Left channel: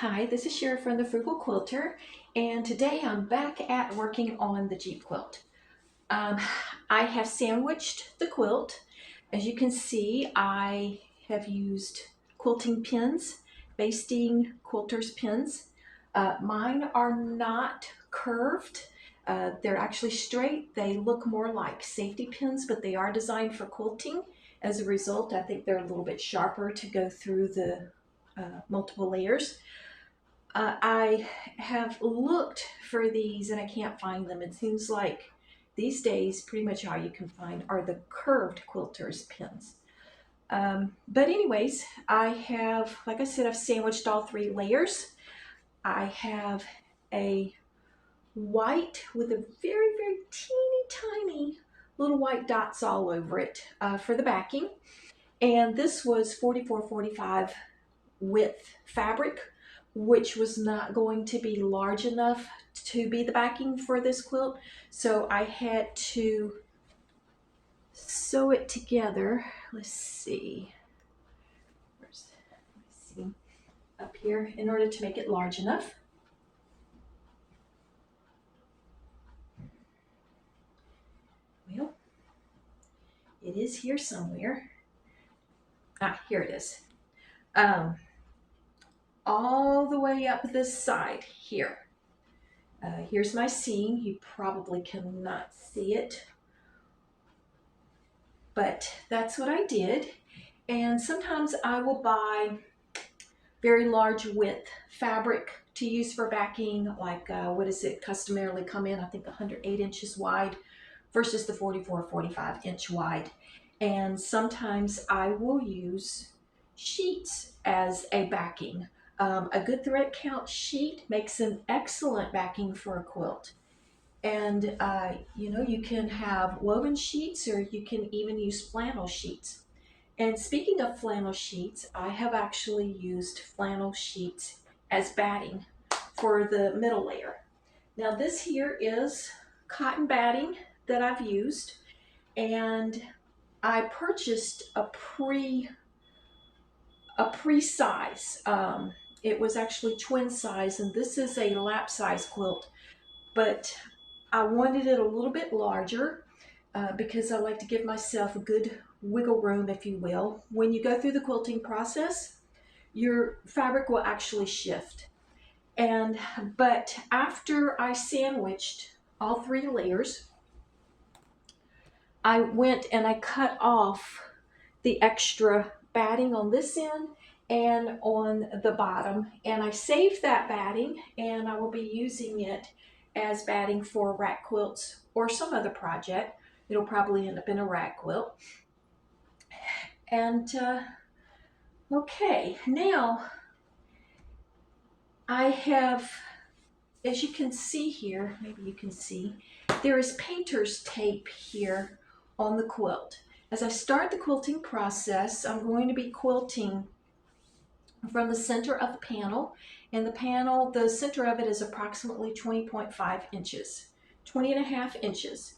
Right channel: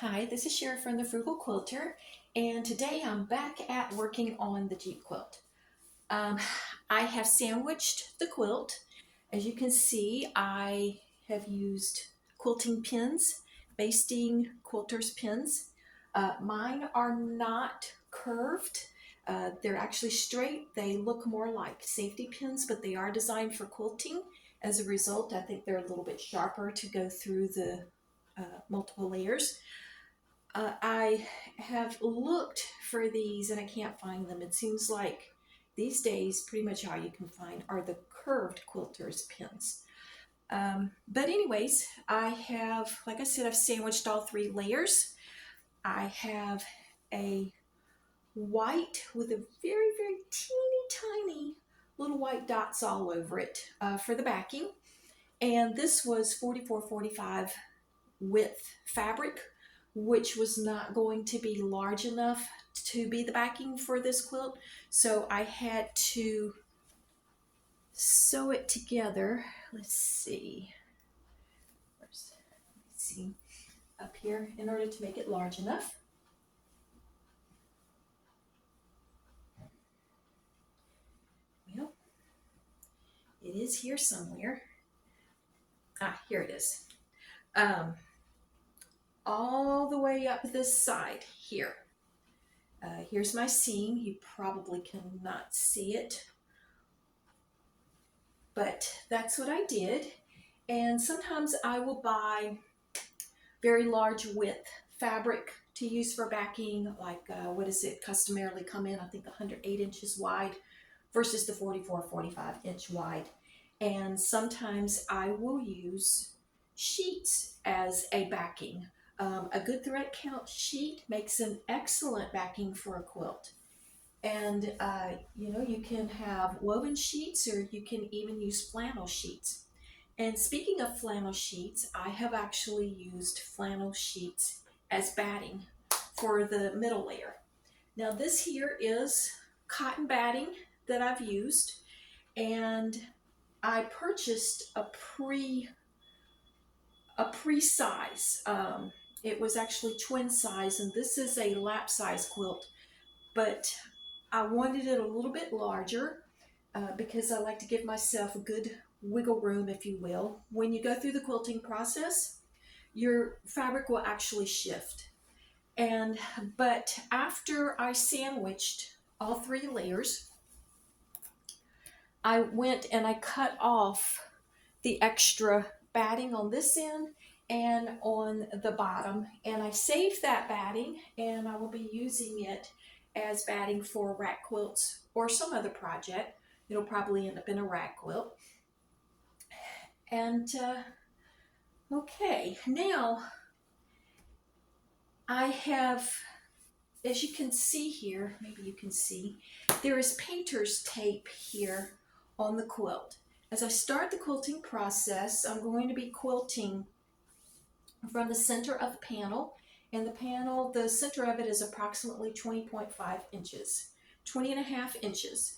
Hi, this is Sherry from the Frugal Quilter, and today I'm back at working on the Jeep quilt. Um, I have sandwiched the quilt. As you can see, I have used quilting pins, Basting quilters pins. Mine are not curved. They're actually straight. They look more like safety pins, but they are designed for quilting. As a result, I think they're a little bit sharper to go through the multiple layers. I have looked for these and I can't find them. It seems like these days pretty much all you can find are the curved quilters pins. But anyways, I have, like I said, I've sandwiched all three layers. I have a white with a very, very teeny tiny little white dots all over it for the backing. And this was 44-45 width fabric, which was not going to be large enough to be the backing for this quilt. So I had to sew it together. Let's see. Let's see. Up here in order to make it large enough. Well, it is here somewhere. Here it is. All the way up this side here. Here's my seam. You probably cannot see it, but that's what I did. And sometimes I will buy very large width fabric to use for backing, like what does it customarily come in? I think 108 inches wide versus the 44-45 inch wide. And sometimes I will use sheets as a backing. A good thread count sheet makes an excellent backing for a quilt. And you can have woven sheets, or you can even use flannel sheets. And speaking of flannel sheets, I have actually used flannel sheets as batting for the middle layer. Now this here is cotton batting that I've used, and I purchased a pre-size. It was actually twin size, and this is a lap size quilt, but I wanted it a little bit larger because I like to give myself a good wiggle room, if you will. When you go through the quilting process, your fabric will actually shift. But after I sandwiched all three layers, I went and I cut off the extra batting on this end and on the bottom, and I saved that batting, and I will be using it as batting for rack quilts or some other project. It'll probably end up in a rack quilt. And okay, now I have, as you can see here, maybe you can see, there is painter's tape here on the quilt. As I start the quilting process, I'm going to be quilting from the center of the panel. And the center of it is approximately 20.5 inches, 20.5 inches.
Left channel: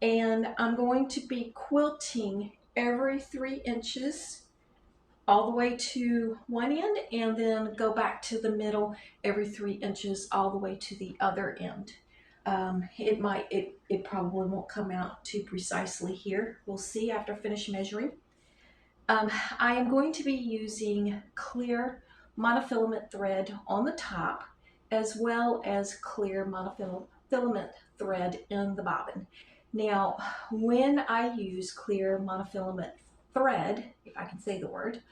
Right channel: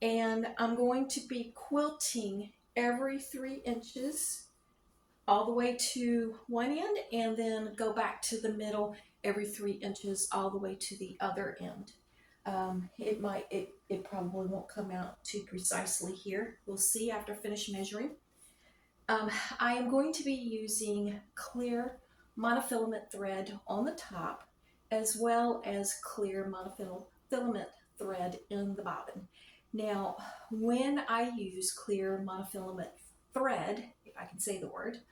And I'm going to be quilting every 3 inches all the way to one end, and then go back to the middle every 3 inches all the way to the other end. It probably won't come out too precisely here. We'll see after I finish measuring. I am going to be using clear monofilament thread on the top, as well as clear monofilament thread in the bobbin. Now, when I use clear monofilament thread, if I can say the word,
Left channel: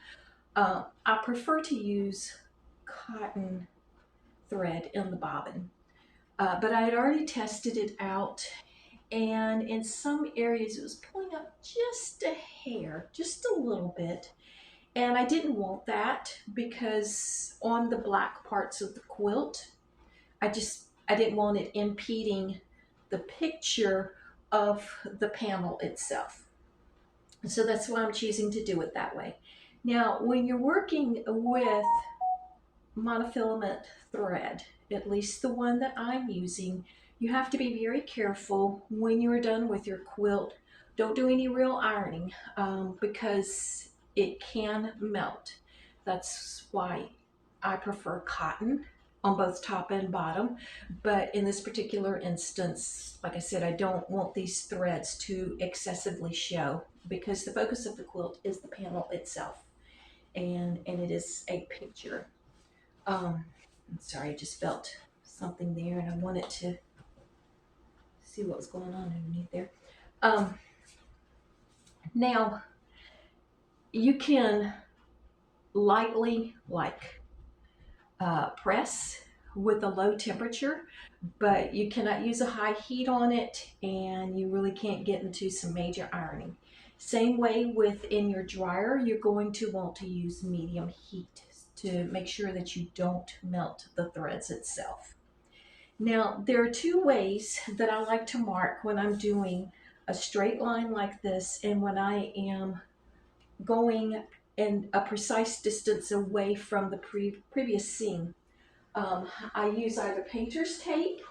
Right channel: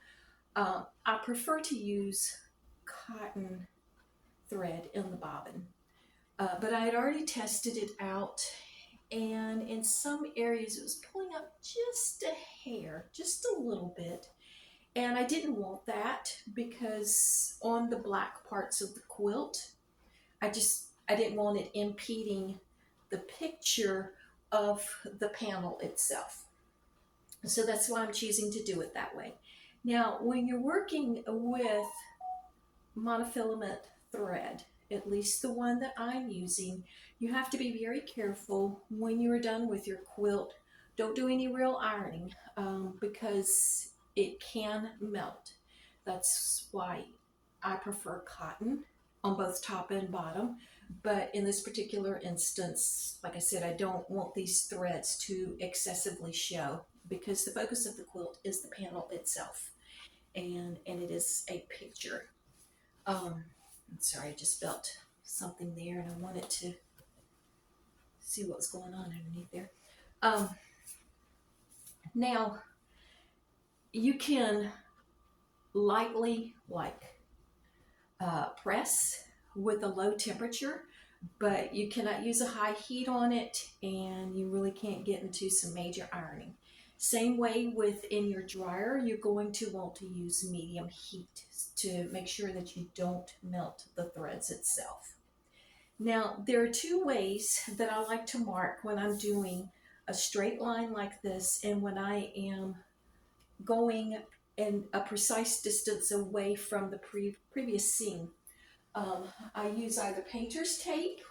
I prefer to use cotton thread in the bobbin. But I had already tested it out, and in some areas it was pulling up just a hair, just a little bit. And I didn't want that because on the black parts of the quilt, I didn't want it impeding the picture of the panel itself. So that's why I'm choosing to do it that way. Now, when you're working with monofilament thread, at least the one that I'm using, you have to be very careful when you're done with your quilt. Don't do any real ironing because it can melt. That's why I prefer cotton on both top and bottom, but in this particular instance, like I said, I don't want these threads to excessively show because the focus of the quilt is the panel itself, and it is a picture. I'm sorry, I just felt something there and I wanted to see what was going on underneath there. Now, you can lightly press with a low temperature, but you cannot use a high heat on it and you really can't get into some major ironing. Same way within your dryer, you're going to want to use medium heat to make sure that you don't melt the threads itself. Now, there are two ways that I like to mark when I'm doing a straight line like this and when I am going in a precise distance away from the previous seam. I use either painter's tape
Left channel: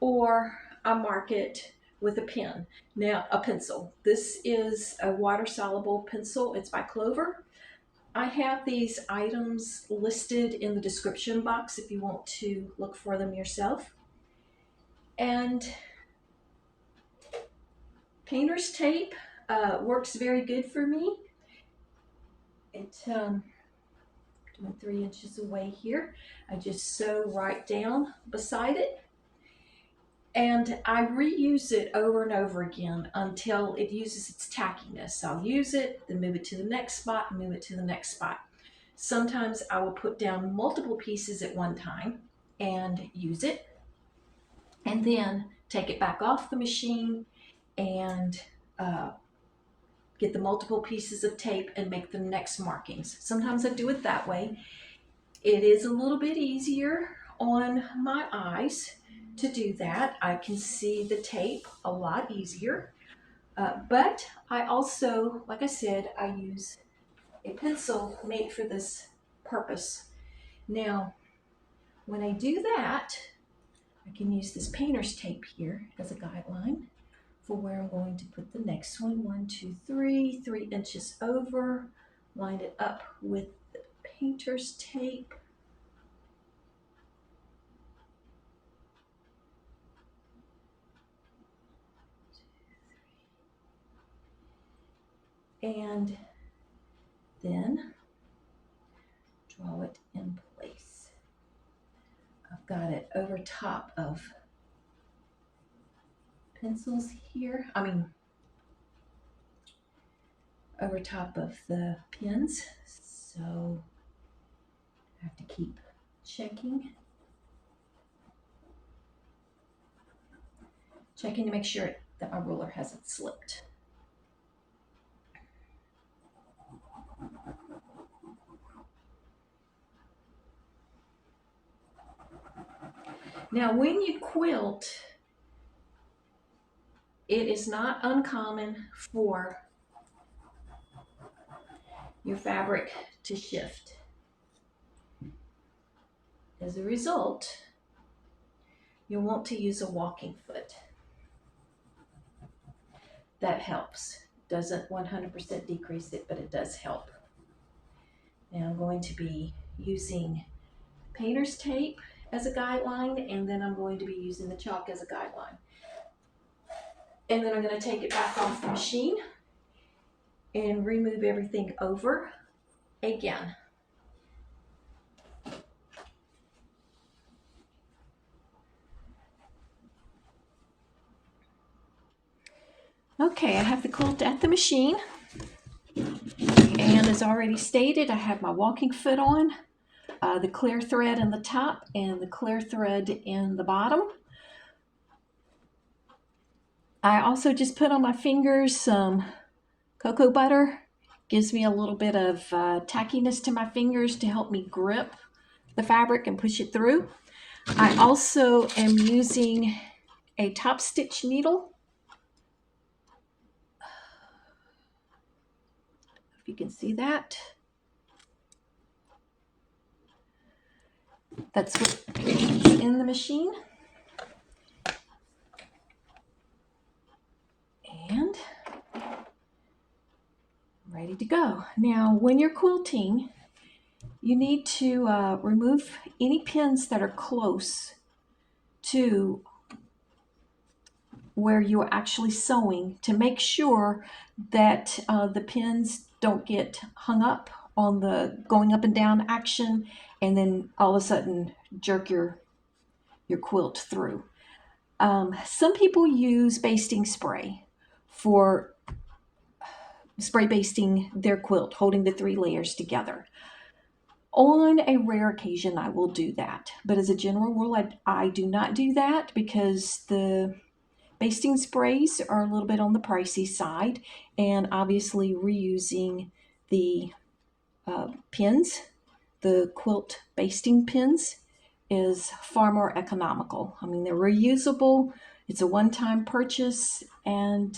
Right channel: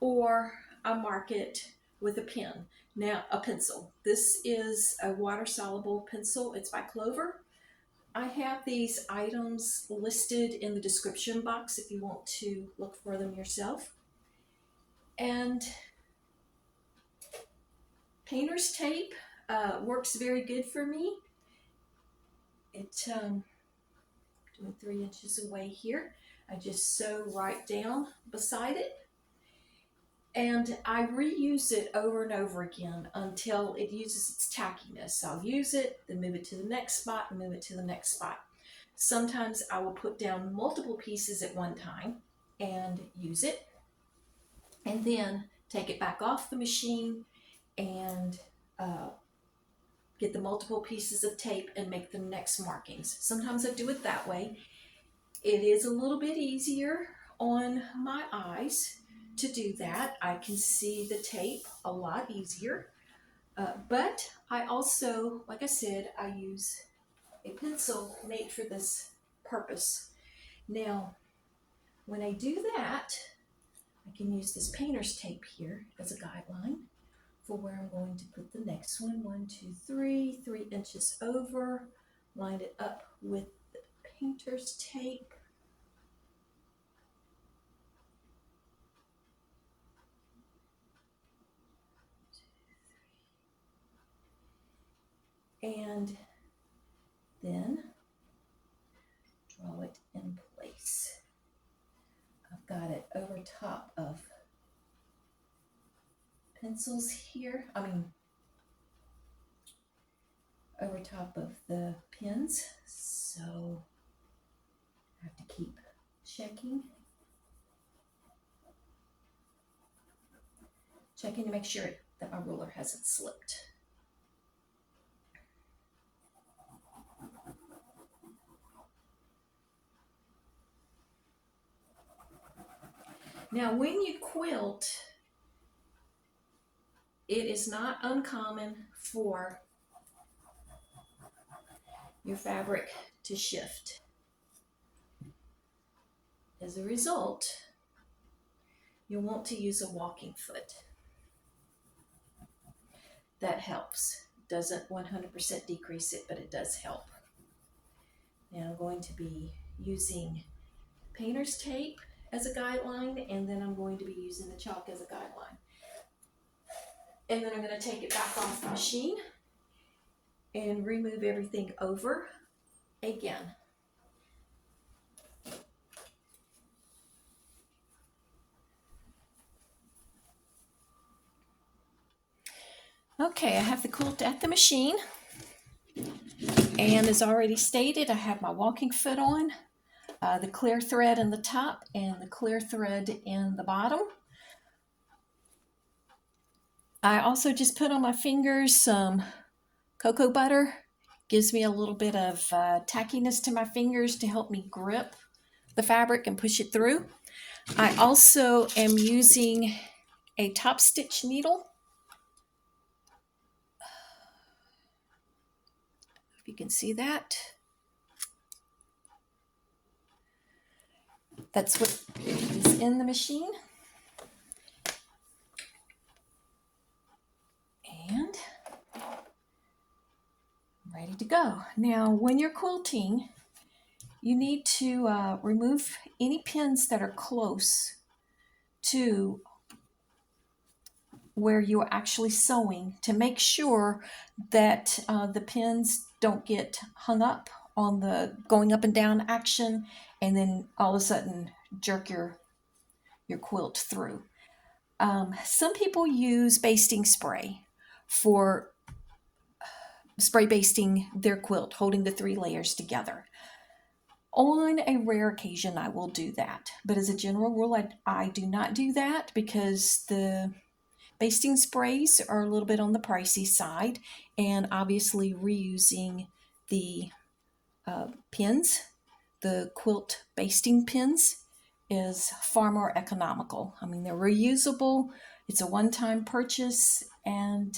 or I mark it with a pen. Now, a pencil. This is a water-soluble pencil. It's by Clover. I have these items listed in the description box if you want to look for them yourself. And painter's tape works very good for me. It doing 3 inches away here. I just sew right down beside it. And I reuse it over and over again until it uses its tackiness. I'll use it, then move it to the next spot, and move it to the next spot. Sometimes I will put down multiple pieces at one time and use it, and then take it back off the machine and get the multiple pieces of tape and make the next markings. Sometimes I do it that way. It is a little bit easier on my eyes to do that. I can see the tape a lot easier. But I also, like I said, I use a pencil made for this purpose. Now, when I do that, I can use this painter's tape here as a guideline for where I'm going to put the next one. 1, 2, 3, 3 inches over. Line it up with the painter's tape. And then draw it in place. I've got it over top of pencils here. Over top of the pins. So I have to keep checking to make sure that my ruler hasn't slipped. Now, when you quilt, it is not uncommon for your fabric to shift. As a result, you'll want to use a walking foot. That helps. Doesn't 100% decrease it, but it does help. Now I'm going to be using painter's tape as a guideline, and then I'm going to be using the chalk as a guideline. And then I'm going to take it back off the machine and remove everything over again. Okay, I have the quilt at the machine, and as already stated, I have my walking foot on, the clear thread in the top and the clear thread in the bottom. I also just put on my fingers some cocoa butter. Gives me a little bit of tackiness to my fingers to help me grip the fabric and push it through. I also am using a Topstitch needle. If you can see that. That's what's in the machine. And ready to go. Now, when you're quilting, you need to remove any pins that are close to where you're actually sewing to make sure that the pins don't get hung up on the going up and down action and then all of a sudden jerk your quilt through. Some people use basting spray for spray basting their quilt, holding the 3 layers together. On a rare occasion, I will do that. But as a general rule, I do not do that because the basting sprays are a little bit on the pricey side, and obviously reusing the pins, the quilt basting pins, is far more economical. I mean, they're reusable, it's a one-time purchase, and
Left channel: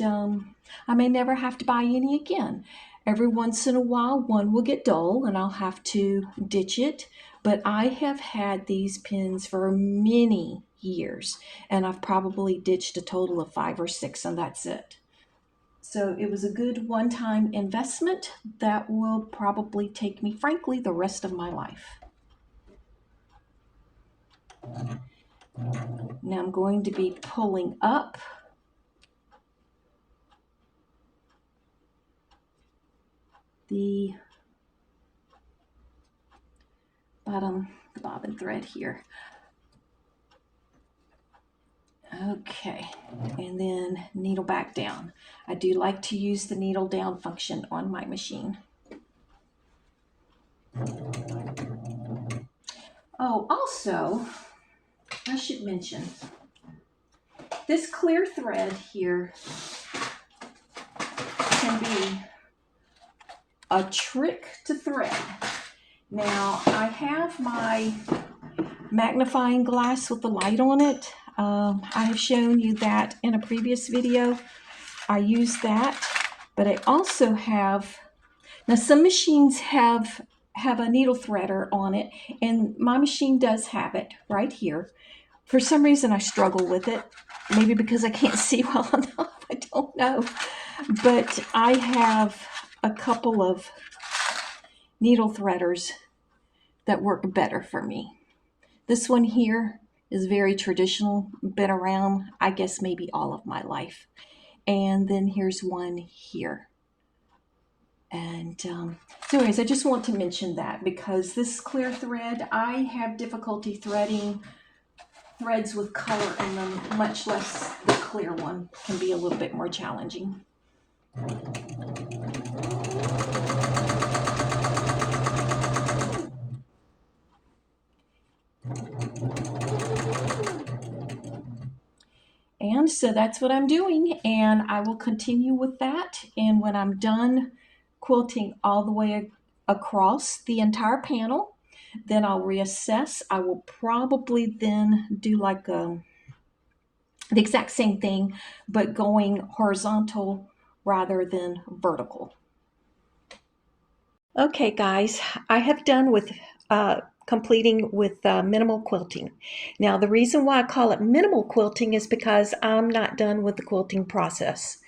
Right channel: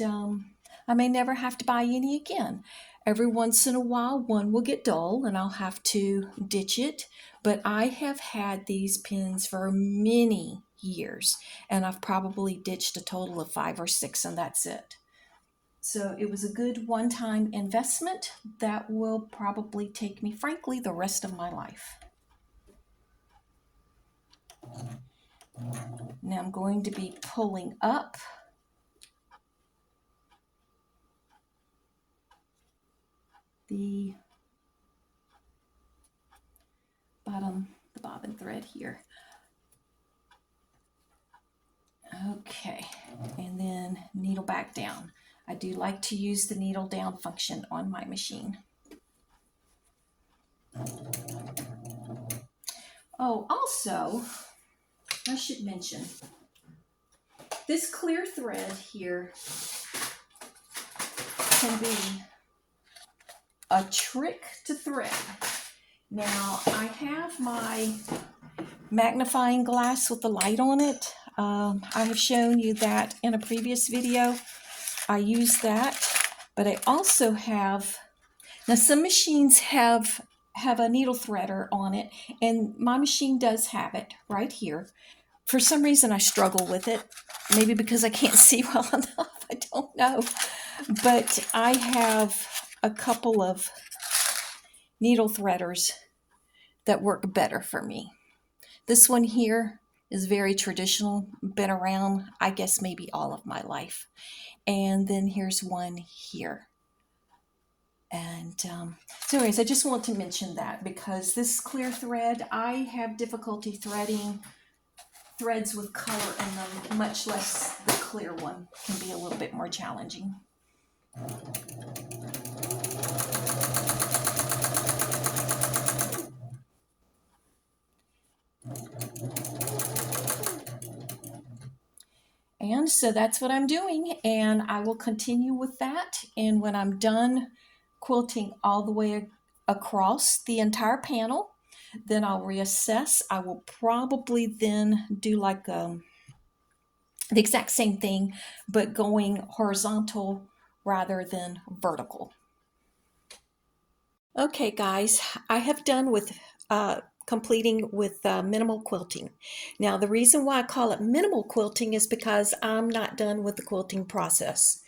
I may never have to buy any again. Every once in a while, one will get dull and I'll have to ditch it, but I have had these pins for many years, and I've probably ditched a total of 5 or 6, and that's it. So it was a good one-time investment that will probably take me, frankly, the rest of my life. Now I'm going to be pulling up the bottom, the bobbin thread here. Okay, and then needle back down. I do like to use the needle down function on my machine. Oh, also, I should mention, this clear thread here can be a trick to thread. Now, I have my magnifying glass with the light on it. I have shown you that in a previous video. I use that, but I also have, now some machines have a needle threader on it, and my machine does have it right here. For some reason I struggle with it, maybe because I can't see well enough, I don't know. But I have a couple of needle threaders that work better for me. This one here is very traditional, been around, I guess, maybe all of my life. And then here's one here. And so anyways, I just want to mention that because this clear thread, I have difficulty threading threads with color in them, much less the clear one can be a little bit more challenging. And so that's what I'm doing, and I will continue with that. And when I'm done quilting all the way across the entire panel, then I'll reassess. I will probably then do like the exact same thing, but going horizontal rather than vertical. Okay, guys, I have done with completing with minimal quilting. Now, the reason why I call it minimal quilting is because I'm not done with the quilting process.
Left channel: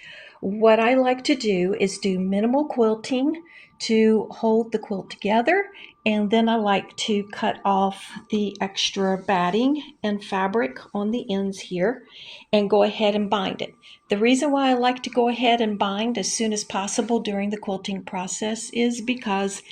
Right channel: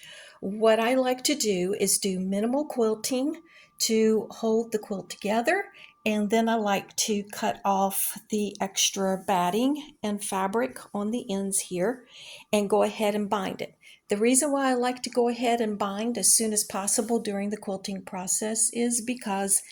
What I like to do is do minimal quilting to hold the quilt together, and then I like to cut off the extra batting and fabric on the ends here and go ahead and bind it. The reason why I like to go ahead and bind as soon as possible during the quilting process is because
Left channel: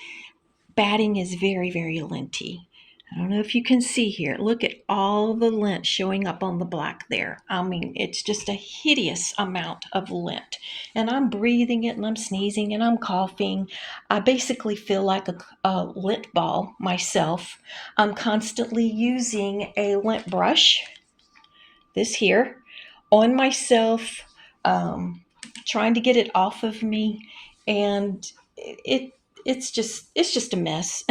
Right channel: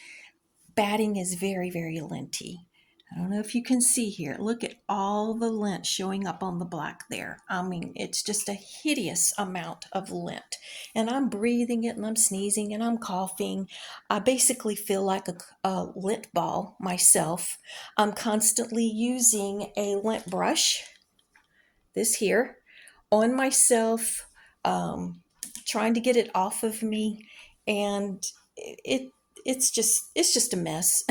batting is very, very linty. I don't know if you can see here. Look at all the lint showing up on the black there. I mean, it's just a hideous amount of lint. And I'm breathing it and I'm sneezing and I'm coughing. I basically feel like a lint ball myself. I'm constantly using a lint brush, this here, on myself, trying to get it off of me, and it's just a mess.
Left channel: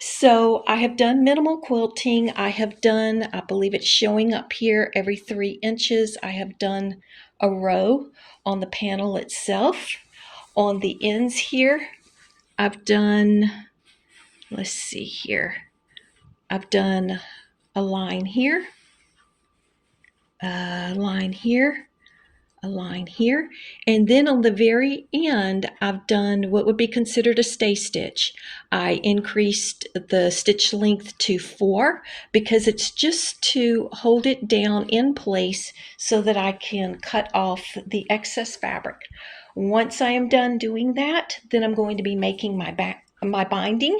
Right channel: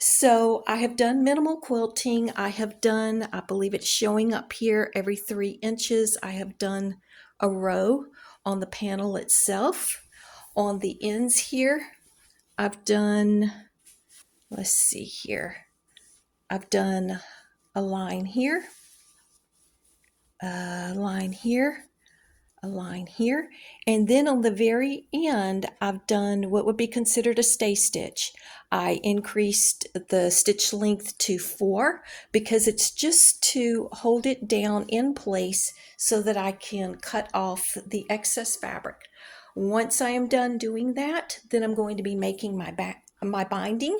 So I have done minimal quilting. I have done, I believe it's showing up here, every 3 inches. I have done a row on the panel itself. On the ends here, I've done, let's see here, I've done a line here, a line here, a line here, and then on the very end I've done what would be considered a stay stitch. I increased the stitch length to 4 because it's just to hold it down in place so that I can cut off the excess fabric. Once I am done doing that, then I'm going to be making my binding,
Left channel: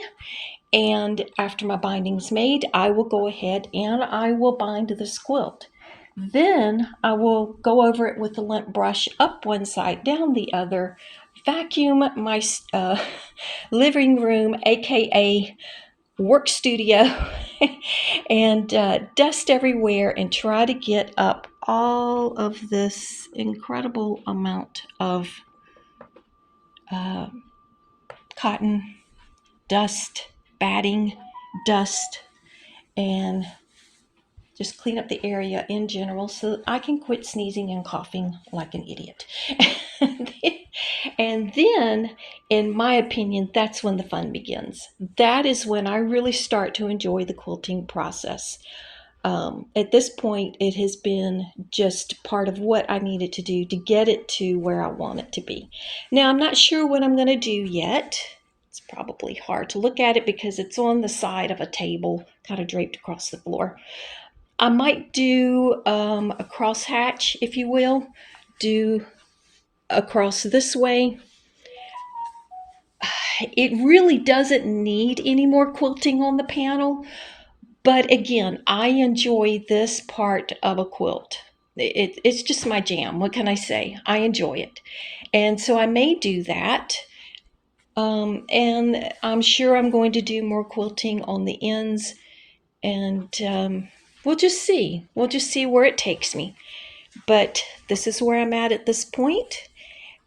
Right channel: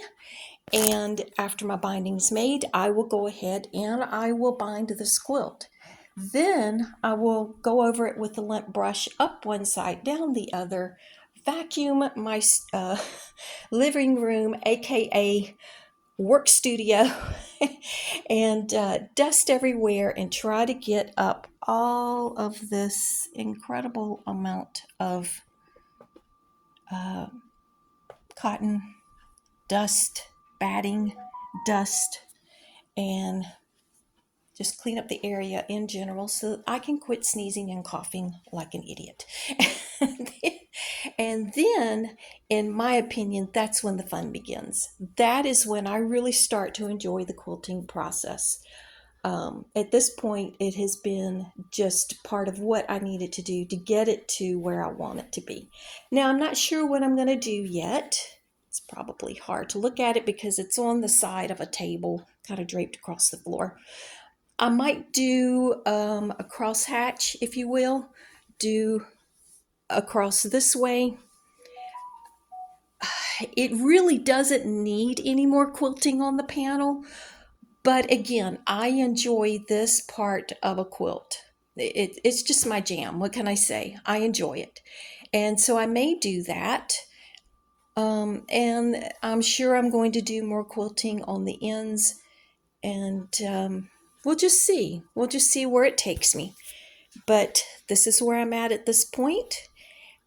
and after my binding's made, I will go ahead and I will bind this quilt. Then I will go over it with the lint brush up one side, down the other, vacuum my living room, aka work studio, and dust everywhere and try to get up all of this incredible amount of cotton, dust, batting, dust, and just clean up the area in general so that I can quit sneezing and coughing like an idiot. And then, in my opinion, that's when the fun begins. That is when I really start to enjoy the quilting process. At this point, it has been just part of what I needed to do to get it to where I want it to be. Now, I'm not sure what I'm going to do yet. It's probably hard to look at it because it's on the side of a table, kind of draped across the floor. I might do a cross hatch, if you will, do across this way. It really doesn't need any more quilting on the panel, but again, I enjoy this part of a quilt. It's just my jam. What can I say? I enjoy it. And so I may do that. And I'm sure I'm going to do more quilting on the ends, and we'll just see. We'll just see where it takes me. But this is where I'm at this point,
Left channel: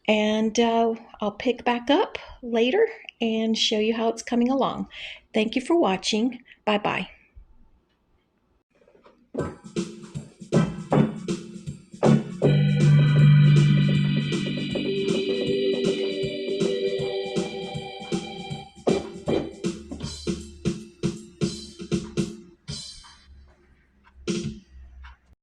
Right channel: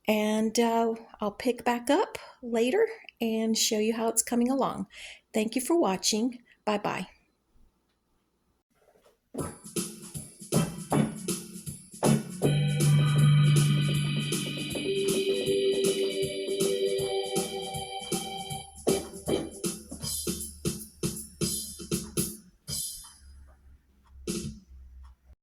and I'll pick back up later and show you how it's coming along. Thank you for watching. Bye-bye.